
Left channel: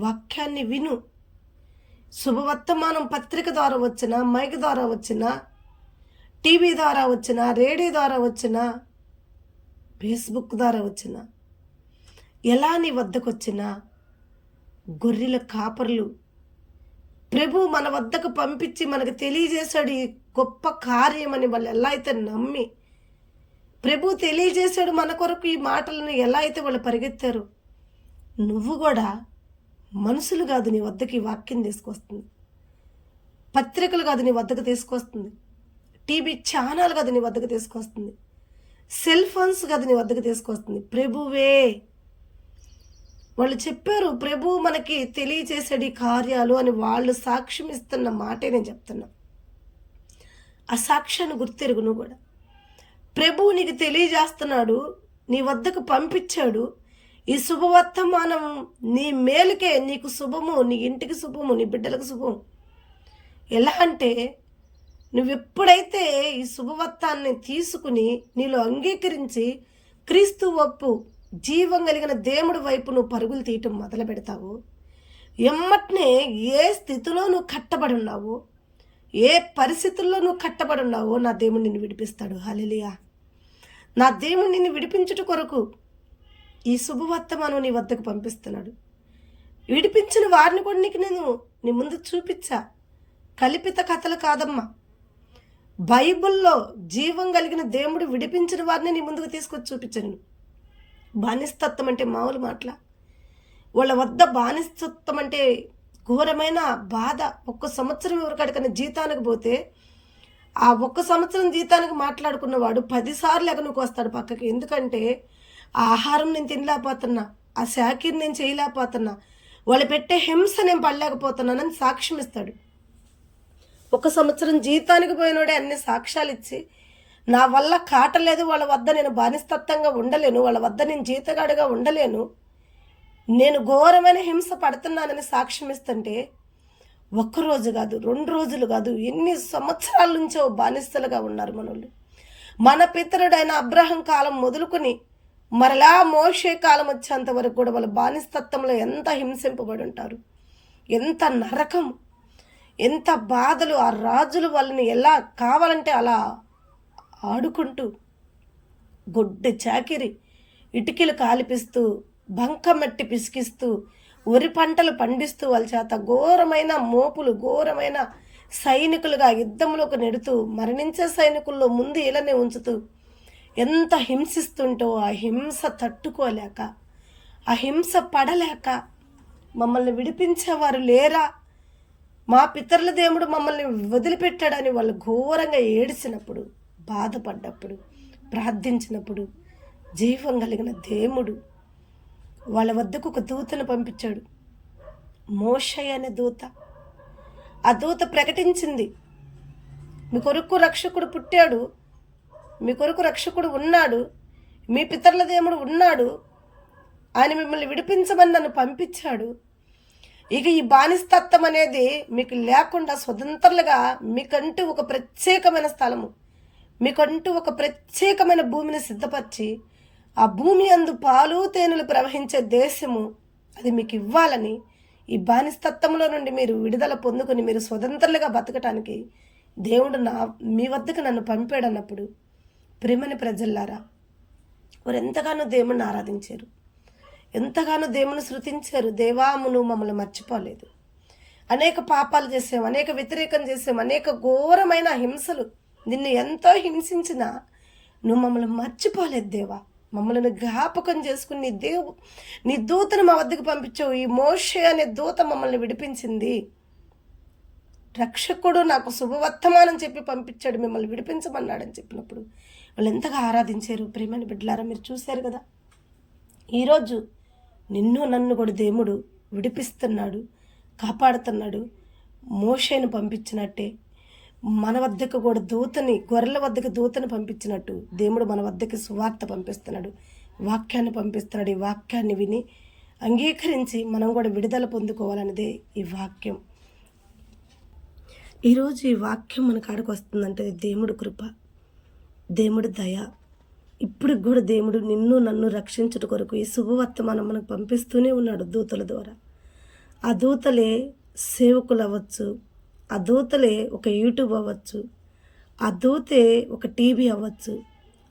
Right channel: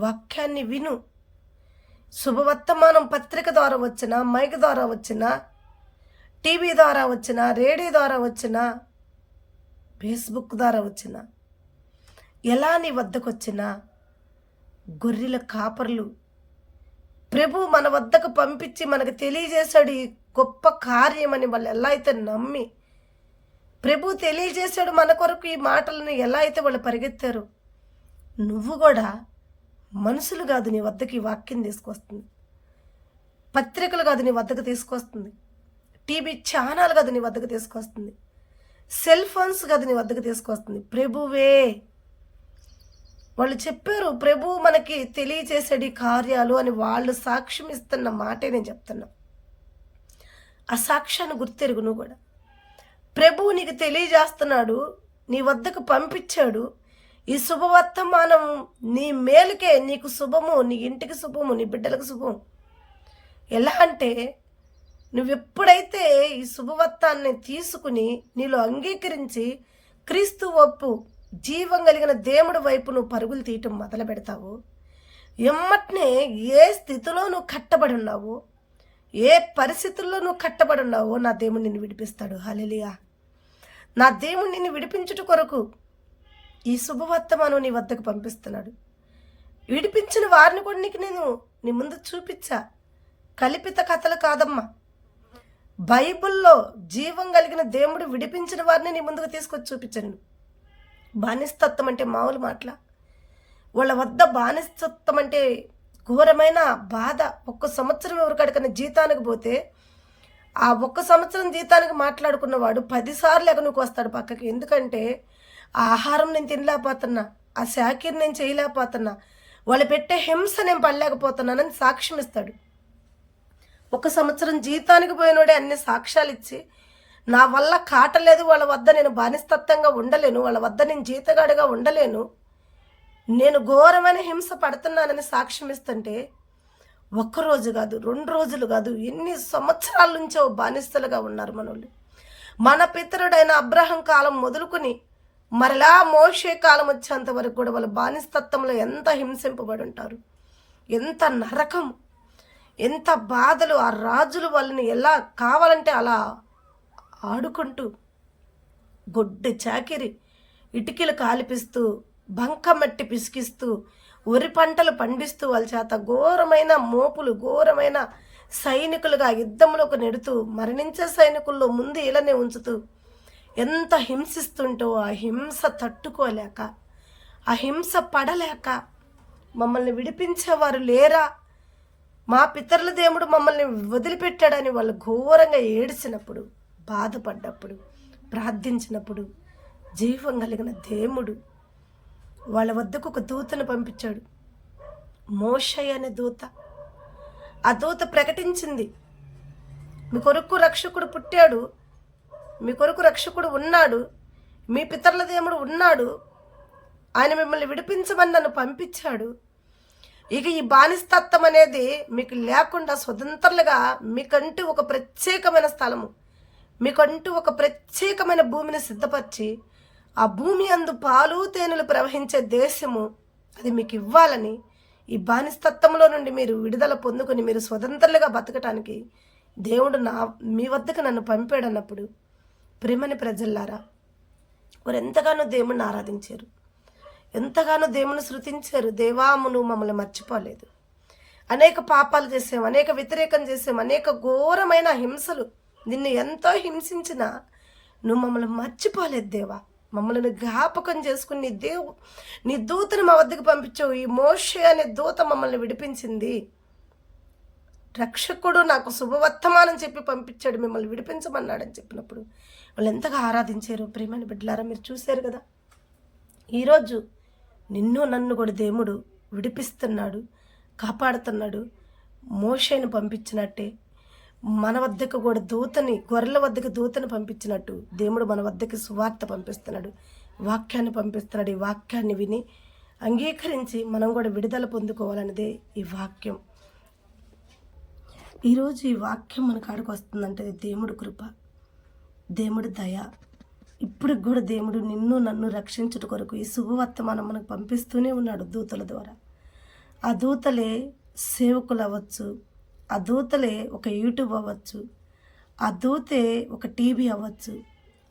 వాక్యాన్ని విను. శుభవర్తమానం పత్రిక ద్వారా వచ్చినా, మైక్ ద్వారా వచ్చినా, టీవీ ద్వారా వచ్చినా, రేడియో ద్వారా వచ్చినా, ఫేస్బుక్ ద్వారా వచ్చినా, ఎలా నీ వద్దకు వచ్చినా గొర్రెల కాపర్లు ప్రభు మన వద్దకు పంపించి మనకు తెలియజేశాడు ఈ గొప్ప కార్యమని వాళ్ళు ఎలా అయితే నమ్మి, ప్రభు తెలియజేశాడు మన కొరకు ఈ మాటలను ఎలా అయితే వాళ్ళు పరిగెత్తారు, నువ్వు కూడా మనుషులు కాదు నీ వద్దకు ఈ వాక్యం తీసుకొస్తుంది, పత్రికలు కాదు నీ వద్దకు తీసుకొస్తుంది, టీవీ ఛానల్ కాదు నీ వద్దకు తీసుకొస్తుంది, సెల్ ఫోన్స్ కాదు నీ వద్దకు తీసుకొస్తుంది. ప్రభువే వాళ్ళు చెప్పారు, ప్రభు మనకి తెలియజేసాడు ఈ కార్యాలు అని వాళ్ళు సాక్ష్యం ఇస్తున్న మాటే నేను చెప్తున్నా. ఆ సాక్ష్యాన్ని గుర్తెరుగు. నువ్వు కూడా ప్రభువు నీకు తెలియజేస్తున్నాడు, నీ వద్దకు పంపించాడు. ఈ శుభవర్తమానం నీ మేలుకే, నీకు శుభము, నీ ఇంటికి శుభము, నీ బిడ్డలకు శుభము. ఎలా అంటే నువ్వు ఎప్పుడైతే ఈ శుభవర్తాన్ని తీసుకుని నీలో అంగీకరించి క్రీస్తు ఒప్పు జీవం కలిగిన దేవుడి వైపు నువ్వు పరుగులు తీయటం మొదలు పెడతావు, ఎమ్మటనే ఏ స్థితిలో నువ్వు కట్టబడి ఉన్నావో, ఏ పరిస్థితుల్లో నువ్వు కట్టబడి ఉన్నావో నా దేవుడు నిన్ను విడిపిస్తాడు. హల్లెలూయా. నా దేవుడు నిన్ను విడిపించుట కొరకు ఈ శుభవర్తమానం నీ వద్దకు పంపిస్తున్నాడు. విడిపించిన వారిని కూడా నీకు నేను నీ ముందు చూపించా. కల్పిత కథలు కాదమ్మా, బైబిల్లో జీవం కలిగిన దేవుడు విడిపించిన వారిని నీ ముందుకు తీసుకొచ్చి చూపించాను. బానిసత్వం అంటే మామూలు మాటల, వాళ్ళ వద్ద బానిసత్వం అంటే ఘోరమైన బాధ. 1 సంవత్సరం ఎవరికడికైనా జీతానికి పోతే ఆ 1 సంవత్సరం జీతానికి మాట్లాడుకున్నవాడు 10 సార్లు ఎగనుకు వస్తాడు పక్కకి. ఎందుకంటే ఆ ఆహారం నేను తినలేకపోతున్నా, ఆ శాఖీని నేను చేయలేకపోతున్నా, వాళ్ళు పెట్టే హింస నేను పడలేకపోతున్నానని సాక్ష్యం ఇస్తాడు. 1 సంవత్సరం జీతానికి పోయినోడే అన్ని సాక్ష్యాలు ఇచ్చి నా వల్ల కాటలేదు, వాళ్ళ వద్ద నేను బానిసత్వంగా ఉండలేను, వాళ్ళ వద్ద నేను జీతగాడిగా ఉండలేను, నేను ఘోరమైన హింస పడుతున్నానని సాక్ష్యం ఇస్తుంటే 1 రోజు కాదు, 2 రోజులు కాదు, ఎన్ని సంవత్సరాల నుంచో బానిసలుగా ఉన్నారు మనోళ్ళు. మన పితరుడైన అబ్రహం కాలం మొదలుకొని మరలా మోషే కాలం వచ్చేంత వరకు కూడా వాళ్ళ బానిసత్వంలో ఎంత హింసింపబడి ఉంటారు, ఎంత నరకం, ఎంత బాధలు. ఆ రాజులు వాళ్ళని ఎలా కావాలంటే అలా ఆడుకుంటూ గొడ్డు చాకిరి, ఇటుకలు కాలిపిస్తూ, బంకమట్టి పిసికిస్తూ, వరి పంటలు పండిస్తూ వాళ్ళ చేత ఘోరమైన మోపులు, ఘోరమైన సైనికులుగా యుద్ధంలోకి నెడుతూ, మరణించే సైనికుల్లో ముందు ఇలానే ఉంచుతూ ఎంత హింసిస్తుంటో ఆ హింస తట్టుకోలేక, ఆ హింస పడలేక మమ్మల్ని విడిపించేవారు లేరా, మా పితరుల దేవుడు మమ్మల్ని వదిలిపెట్టాడని వాళ్ళు ఘోరంగా ఏడిసినప్పుడు, బాధపడ్డప్పుడు, ప్రార్థించినప్పుడు జీవం కలిగిన దేవుడు వాళ్ళ వద్దకు ఒక దూతను పంపించాడు. మోషే అనే దూత. ఆ దూత ప్రకటించింది, మీ కొరకు రక్షకుడు పుట్టాడు, మీ కొరకు రక్షకుడు ఉన్నాడు, మీ పితరుల దేవుడు ఉన్నాడు, ఆయన మిమ్మల్ని విడిపించమని నన్ను పంపించాడు. ఇక ఈ బానిస్తత్వం అనేది మీకు లేకుండా స్వతంత్రులుగా మీకంటూ ఒక ప్రత్యేకమైన స్థలము, మీకంటూ ఒక ప్రత్యేకమైన భూమిని సిద్ధపరిచి ఆ భూమి అందు పాలు తేనెలు ప్రవహించే దేశము అది మీకు ఇవ్వాలని, ఈ బానిస్తత్వంలో నుండి మీరు విడుదల పొందుకొని మీరు స్వతంత్రులుగా బతకటానికి దేవుడు మీ వద్దకు నన్ను పంపాడన్నప్పుడు ప్రేమని ప్రజల్లారా వారు ఎంతగానో దేవుణ్ణి ఆరాధించారు, ఎంతగానో దేవుని శృతించారు. దేవామును మమ్మల్ని మర్చిపోలేదు. అనేక పాపాలు చేసాం, అనేక వ్యతిరేకం చేసాం, అనేక ఘోరమైన హింసలు నిన్ను ఎంతో హింసించినా నువ్వు మమ్మల్ని మర్చిపోలేదు దేవా. మమ్మల్ని జ్ఞాపకం చేసుకుని నీ దూతను మా వద్దకు పంపించావు. ఈ మోషే అనే దూత మమ్మల్ని విడిపించింది. రక్షకుడు నాకు శుభవర్తమానం చెప్పి పంపించాడు, మిమ్మల్ని విడిపించమన్నాడని చెప్పినప్పుడు వాళ్ళు ఎంతగా ఆరాధించారు. ప్రేమని బిడ్డలారా మీరు చూశారు కదా. ఈరోజు నిన్ను నన్ను కూడా దేవుడు విడిపిస్తున్నాడు, కాపాడుతున్నాడు. మోషేను పంపించినట్టే మన వద్దకు కూడా దూతని, గొర్రెల వద్దకు దూతని పంపించినట్టు దేవుడు మన వద్దకు సువార్త పంపిస్తున్నాడు, వాక్యాన్ని పంపిస్తున్నాడు. ఈ వాక్యాన్ని విని అంగీకరించి మనం కూడా విడుదల పొందుకోవాలన్నదే ఈ వాక్యం. ఈరోజు ఈ వాక్యం మన కాడికి వస్తుందంటే దేవుడు కృప, దేవుడు దయ. ఇప్పుడు కూడా దేవుడు నిన్ను నన్ను రక్షించుట కొరకు ఈ శుభవర్తమానం మనకు పంపిస్తూనే ఉన్నాడు దూతల ద్వారా. ఆ దూతలే సేవకులు అవ్వచ్చు, ఆ దూతలే ఒక యూట్యూబ్ అవ్వచ్చు, ఆ దూతే ఒక టీవీ అవ్వచ్చు,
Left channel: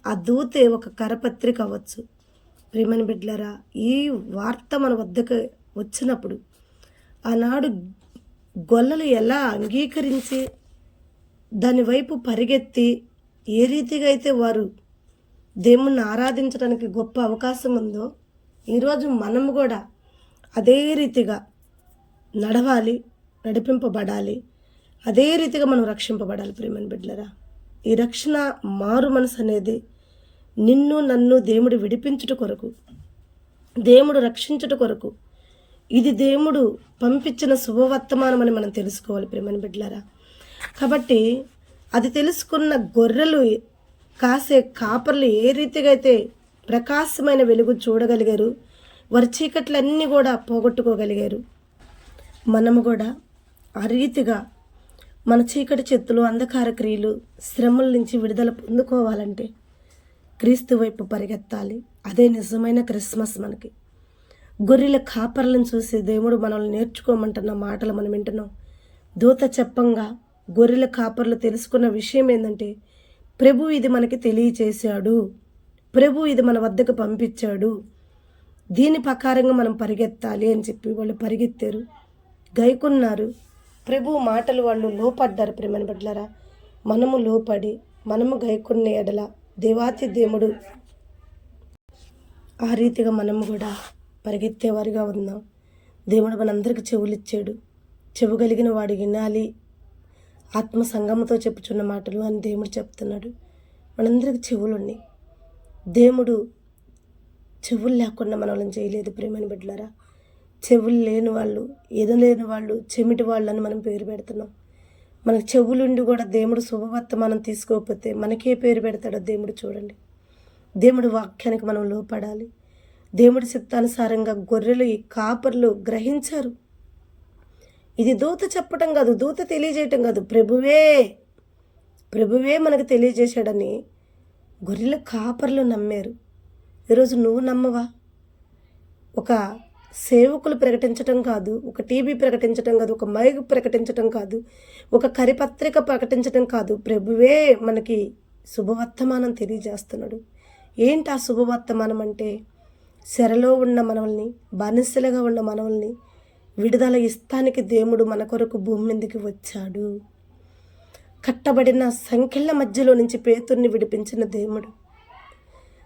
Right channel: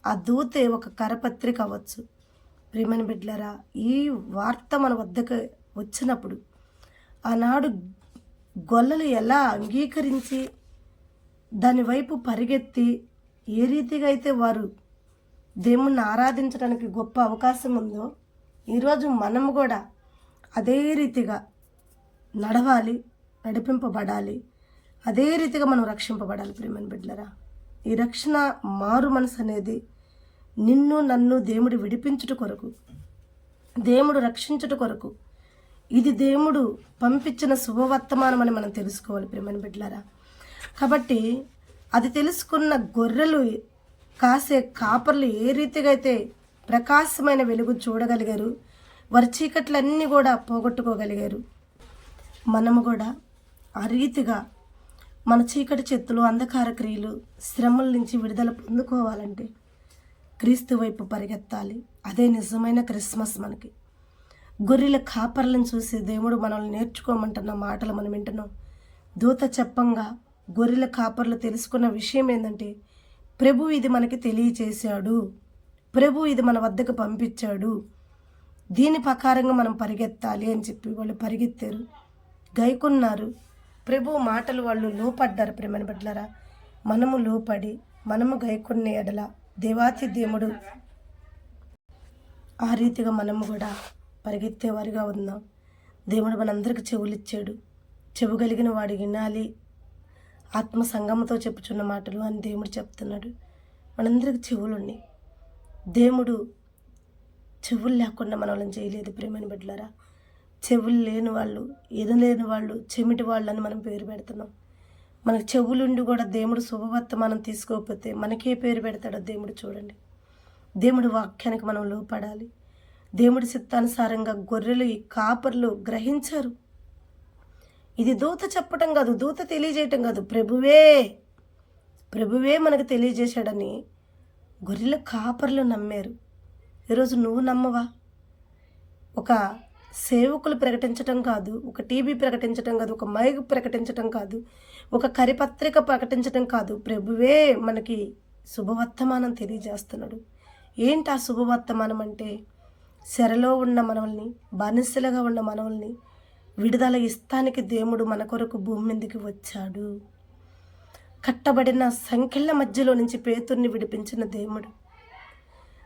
ఆ దూతే ఒక కరపత్రిక అవ్వచ్చు. ప్రేమని బిడ్డలారా, ఈ వార్త మన వద్దకు వచ్చినప్పుడు ఆనాడు గొల్లలు ఎలా అంగీకరించి దాని వైపు పరిగెత్తి ఏ రీతిగా అయితే వారు దేవుణ్ణి ఆరాధించడానికి గొప్ప అవకాశం ఉందో, ఈరోజు మనము కూడా అదే రీతిగా నడవాలి, నడిపింపబడాలి, అదే రీతిగా మనం రక్షింపబడాలి. ప్రేమని బిడ్డలారా, ఈ రక్షణ మారు మనసు అనేది నిన్ను నన్ను దేవుడు విడిపించుట కొరకు, దేవుడు రక్షించుట కొరకు, ఇది దేవుడు పంపించిన శుభవర్తమానం అని మనం తెలుసుకోవాలి. ప్రేమని బిడ్డలారా, కాబట్టి అది తెలుసుకున్న గొర్రెలు కాసే కాపర్లు ఏ రీతిగా అయితే ప్రకాశమైన వెలుగు చూడగలిగారు, వారి చీకట్లన్నీ కూడా పోగొట్టుకోగలిగారు, మనము కూడా ఆ రీతిగా మన చీకటి చెత్తులు, అంధకార క్రియలు, శ్రమల నుంచి విడుదల పొందుకోవాలంటే క్రీస్తు వైపు పరిగెత్తాలి. అదే నిజమైన క్రిస్మస్. మనకి గొర్రెల కాపర్లను చూసి దేవుడు మనల్ని నేర్చుకోమంటున్న మాటలు మనం వింటున్నాం. దూత చెప్పంగా గొర్రెల కాపర్లు తెలుసుకున్న విషయం ఏంటంటే, ప్రభు ఇది మనకి తెలియచేశాడు, ప్రభు ఇది మన వద్దకు పంపించాడు, దీని ప్రకారంగా మనం పరిగెత్తాలి అని చెప్పి వాళ్ళు పరిగెత్తారు, గైకున్నారు. ప్రభు మాటలు వాళ్ళు లోపడ్డారు. ప్రేమని బిడ్డలారా, మనము లోపడి మనము గైకున్న ఎడల దేవాతి దేవుడు ఆ రీతిగా మనము కూడా పరిగెత్తేవారిగా ఉందాం. దేవుడు మనందరికీ చెవులు ఇచ్చాడు, చెవు కలిగిన వాడు వినాలి, ఆత్మ సంగమతో చెప్పుచున్న మాటలు అని దేవుడు చెప్తున్నాడు. మనందరికి చెవులు ఉన్నాయి. దేవుడు చెవులు లేకుండా మనల్ని చేయలేదు. ప్రేమని బిడ్డలారా, చెవులు లేని వాళ్ళు, ఎనలేని వాళ్ళు, చెమిటి వాళ్ళు అని మనం పేరు పెడుతున్నాం. మనకు చెవులుండి కూడా దేవుడు శుభవర్తమానం తీసుకోకపోతే మనకే పేరు పెడతాడో దేవుడు చూడండి. దేవుడు వాక్యానికి మనం లోపడాలి. దేవుడి చిత్తానుసారంగా గొర్రెలు, ఈ కాపర్లు గ్రహించారు. ఇది దూత చెప్పటం కాదు, దూత తెలియజేయటం కాదు, ప్రభువే మనకు తెలియజేశాడని గొర్రెల కాపర్లు నమ్మారు. ఈరోజు నువ్వు నమ్మవా? ఒక సేవకులు ప్రకటించటం కాదు, ఒక టీవీ ప్రకటించటం కాదు, ఒక మైక్ ప్రకటించటం కాదు, ఒక కరిపత్రిక ప్రకటించటం కాదు, ప్రభువే మనకి శుభవర్తమానం తెలియజేస్తున్నాడు. ఏంటి ఆ శుభవర్తమానం అంటే, చెరలో ఉన్న మనల్ని, బానిసలుగా ఉన్న మనల్ని విడుదల ఇస్తానికి దేవుడు మన కొరకు భూమి మీదకి వచ్చాడు. కట్టబడిన సంఖ్యల మధ్యలో నుంచి పేతుర్ని విడిపించిన దేవుడు,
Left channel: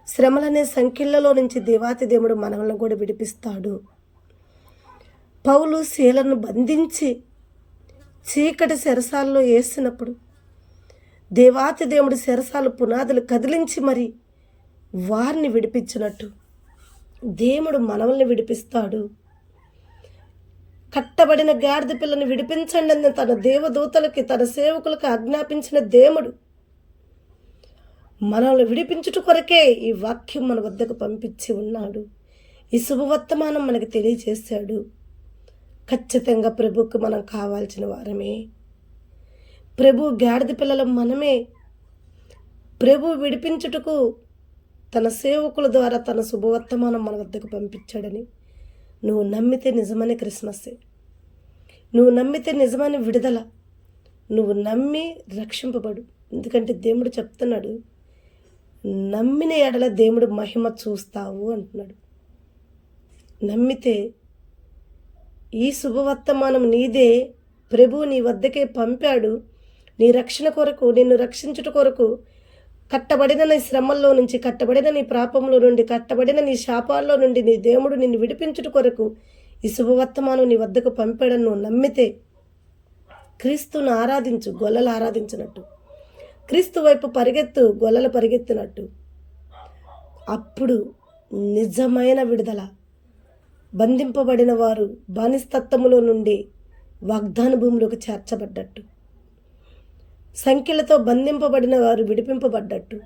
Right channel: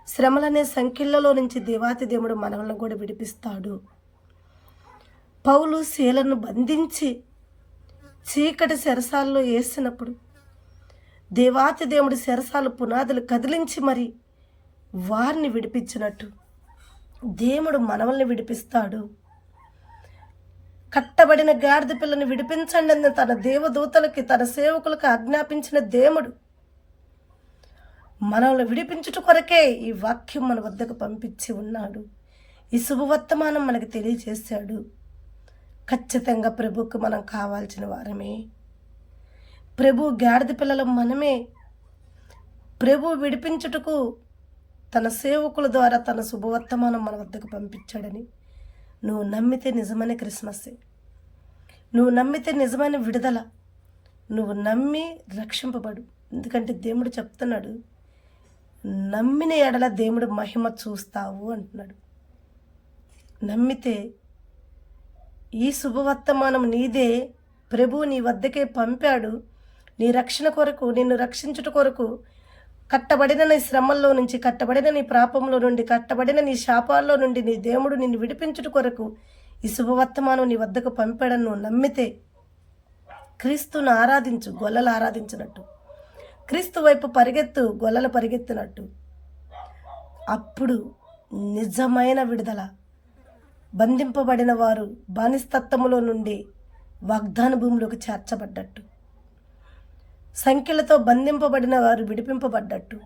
శ్రమలనే సంఖ్యలలో నుంచి దేవాతి దేవుడు మనల్ని కూడా విడిపిస్తాడు. పౌలు శీలను బంధించి చీకటి చెరసాల్లో వేసినప్పుడు దేవాతి దేవుడి చెరసాలు పునాదులు కదిలించి మరి వారిని విడిపించినట్టు దేవుడు మనల్ని విడిపిస్తాడు. కట్టబడిన గాడిద పిల్లని విడిపించండి అని తన దేవదూతలకి తన సేవకులకు ఆజ్ఞాపించిన దేవుడు మనల్ని విడిపించుట కొరకే ఈ వాక్యం మన వద్దకు పంపించి ఉన్నాడు. ఈ శుభవర్తమానం మనకు తెలియజేశాడు. ఖచ్చితంగా ప్రభువుకు మనం కావాల్సిన వారమే. ప్రభు గాడిద పిల్లల మనమే. ప్రభు విడిపించుటకు తన సేవకుల ద్వారా తన శుభవర్తమానం మన వద్దకు పంపించాడని నువ్వు నమ్మితే నిజమైన క్రిస్మస్సే. నువ్వు నమ్మితే నిజమైన విడుదల. నువ్వు నమ్మి రక్షింపబడు. ఎందుకంటే దేవుడు చెప్తున్నాడు, నమ్మిన ఎడల దేవుడు మహిమ చూస్తావు అంటున్నాడు. నమ్మితే ఈ శుభవర్తమానం నీదే. ప్రభు నీ వద్దకే పంపాడు. నీ రక్షణ కొరకు, నిన్ను రక్షించుట కొరకు, కట్టబడిన నీ శ్రమల్లో నుంచి, కట్టబడిన నీ పాపంలో నుండి, కట్టబడిన నీ శాపాల్లో నుండి నీ దేవుడు నిన్ను విడిపించుట కొరకు ఈ శుభవర్తమానం నీ వద్దకు పంపాడని నువ్వు నమ్మితే క్రీస్తును ఆరాధించు, గొల్లలు ఆరాధించినట్టు. క్రీస్తు వైపు పరిగెత్తు, గొల్లలు పరిగెత్తినట్టు. అప్పుడు నిజమైన విడుదల. బంధింపబడిన వారు బానిస్తత్వములో నుండి వాగ్దాన భూమిలోకి చేర్చబడ్డట్టు, సంఖ్యలతో బంధింపబడిన వారు విడిపింపబడ్డట్టు,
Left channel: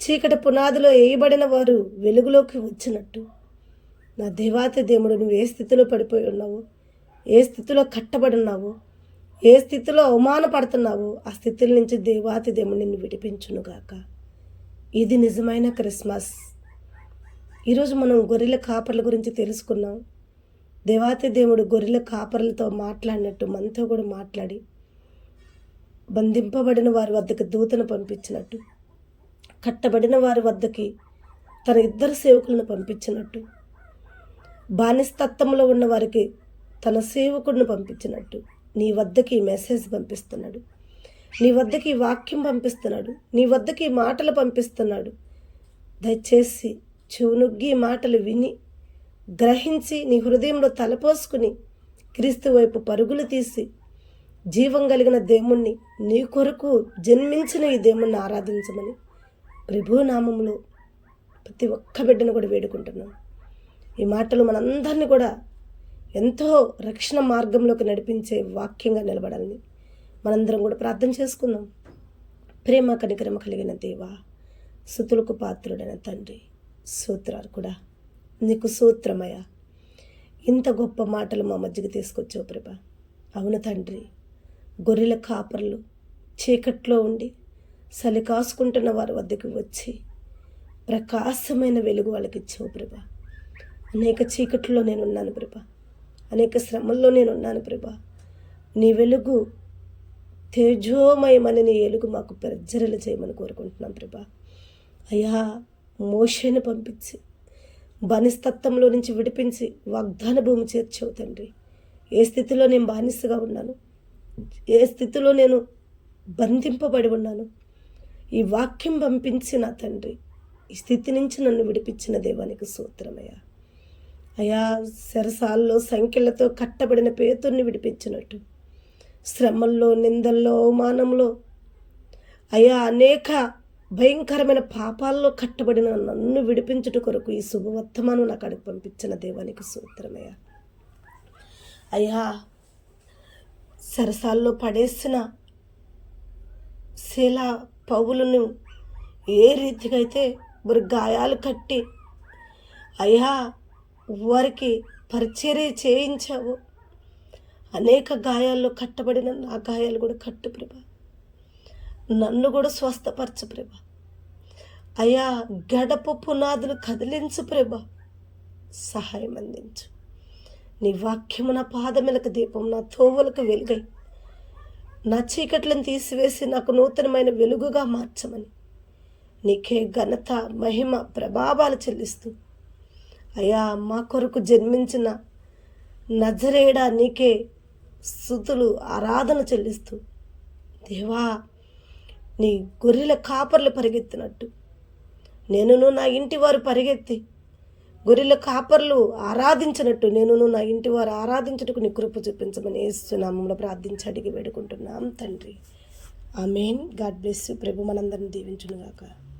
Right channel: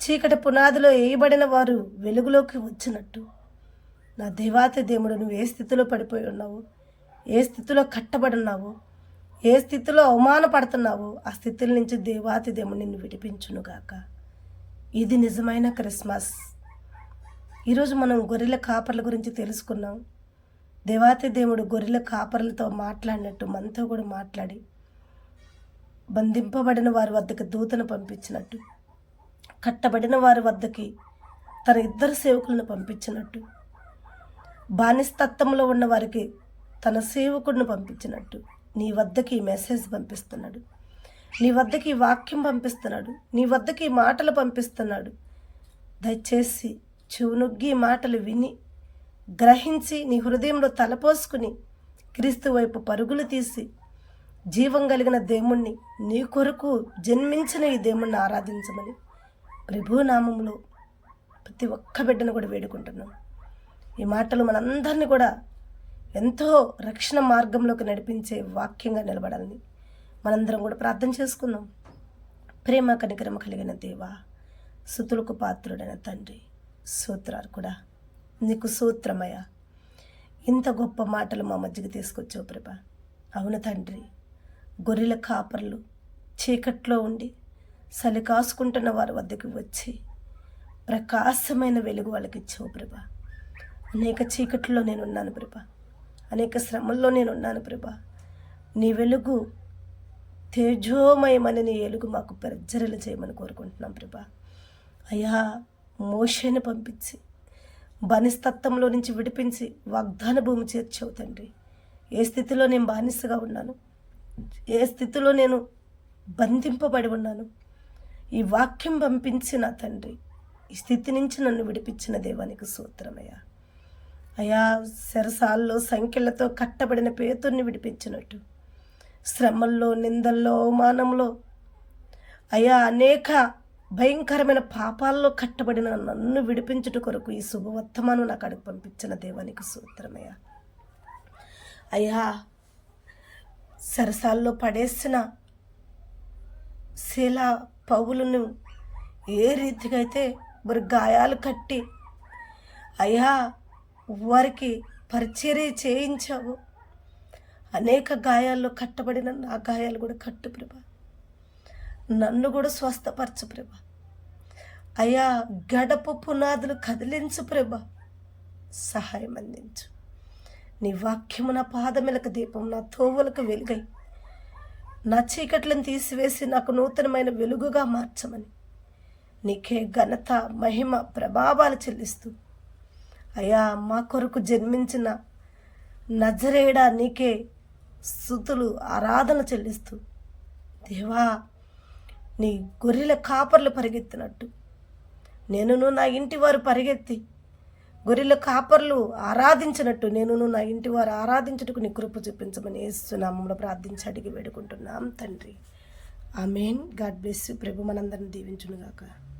చీకటి పునాదిలో వేయబడిన వారు వెలుగులోకి వచ్చినట్టు. నా దేవాతి దేవుడు, నువ్వు ఏ స్థితిలో పడిపోయి ఉన్నావో, ఏ స్థితిలో కట్టబడి ఉన్నావో, ఏ స్థితిలో అవమానపడుతున్నావో ఆ స్థితుల నుంచి దేవాతి దేవుడు నిన్ను విడిపించునుగాక. ఇది నిజమైన క్రిస్మస్. ఈరోజు మనం గొర్రెల కాపర్ల గురించి తెలుసుకున్నాం. దేవాతి దేవుడు గొర్రెల కాపర్లతో మాట్లాడినట్టు మనతో కూడా మాట్లాడి బంధింపబడిన వారి వద్దకు దూతను పంపించినట్టు, కట్టబడిన వారి వద్దకి తన ఇద్దరు సేవకులను పంపించినట్టు, బానిస్తత్వంలో ఉన్న వారికి తన సేవకుడిని పంపించినట్టు నీ వద్దకి మెసేజ్ పంపిస్తున్నాడు. నీ వద్దకి వాక్యం పంపిస్తున్నాడు. నీ వద్దకి మాటలు పంపిస్తున్నాడు. దయచేసి చెవునొగ్గి మాటలు విని గ్రహించి నీ హృదయంలో తలపోసుకుని క్రీస్తు వైపు పరుగులు తీసి జీవం కలిగిన దేవుణ్ణి, నీ కొరకు జన్మించిన ఈ దేవుణ్ణి ఆరాధించమని ప్రభు నామములో ప్రతి ఒక్క బిడ్డను కూడా వేడుకుంటున్నాం. ఈ మాటలు మనందరినీ కూడా ఎంతో రక్షణ మార్గంలోకి నడిపించే వాక్యంగా నిలబడాలని మనందరం కూడా ప్రార్థన చేసుకుందాం. ప్రేమ కనికరమ కలిగిన దేవా, స్తుతులకు పాత్రుడైన తండ్రి, సూత్రాలు కూడా నీకు సూత్రమయ్య. ఇంత గొప్ప మాటలు మా మధ్యకి తీసుకొచ్చావు ప్రభా. అవును తండ్రి, గొర్రెల కాపర్లు చీకట్లో ఉండి చలి కాసుకుంటున్న వారి వద్దకు వచ్చి ప్రకాశమైన వెలుగు వాళ్ళకి ఇచ్చావు ప్రభా. అనేక చీకట్లో నేనున్నాను ప్రభా, అనేక శ్రమల్లో నేనున్నాను ప్రభా. నీ వెలుగు తేజోమయమని నీ వెలుగు మాకు ప్రజ్వరలు చేయమని కోరుకుంటున్నాం ప్రభా. అయ్యా, మోషేని పంపించి బానిస్తత్వంలో నుంచి విడిపించి వాగ్దాన భూమి చేర్చావు తండ్రి. ఏ స్థితిలో నేను బానిసగా ఉన్నాను, ఏ స్థితిలో నేను బంధింపబడి ఉన్నాను, ఈ వాక్యం పంపించిన తండ్రి ఈ స్థితి నుంచి నన్ను విడిపించిన దేవానికి స్తోత్రమయ్యా. అయా, చెరసాల్లో సంఖ్యలతో కట్టబడిన పేతుర్ని విడిపించినట్టు, శ్రమల్లో, నిందల్లో, అవమానంలో, అయా అనేక భయంకరమైన పాపాల్లో కట్టబడిన నన్ను విడిపించుట కొరకు ఈ శుభవర్తమానం నాకు అడిగి పంపించిన దేవానికి స్తోత్రమయ్యా. అయ్యా, సరసాల్లో పడేసిన శీలా పౌలును ఏ రీతిగా అయితే వారి గాయాలు కట్టి అయ్యా వారికి పరిచర్య చేయించావు, అనేక గాయాల్లో కట్టబడిన నా గాయాలు కూడా కట్టు ప్రభా. నన్ను కూడా స్వస్థపరచు ప్రభా. అయ్యా, గడప పునాదులు కదిలించు ప్రభా. సహాయం అందించు. నీ వాక్యము నా పాదములకు దీపం, నా తోవలకు వెలుగై నా చీకట్లను తీసివేసి నాకు నూతనమైన వెలుగుగా మార్చమని నీకే ఘనత, మహిమ, ప్రభావాలు చెల్లిస్తూ అయ్యా, మా కొరకు జన్మించిన నజరేడా నీకే స్తుతులు, ఆరాధన చెల్లిస్తూ దేవా, నీ గొర్రెల కాపర్లు పరిగెత్తినట్టు నేనును నా ఇంటి వారు పరిగెత్తి గొర్రెల కాపర్లు ఆరాధించినట్టు నేను నా ఇంటి వారు ఆరాధించుటకు నీ కృప చూపించమని యేసునామములో ప్రార్థించి అడిగి వేడుకుంటున్నాం తండ్రి. ఆమేన్. God bless you. ప్రభు మనందరిని దీవించునుగాక.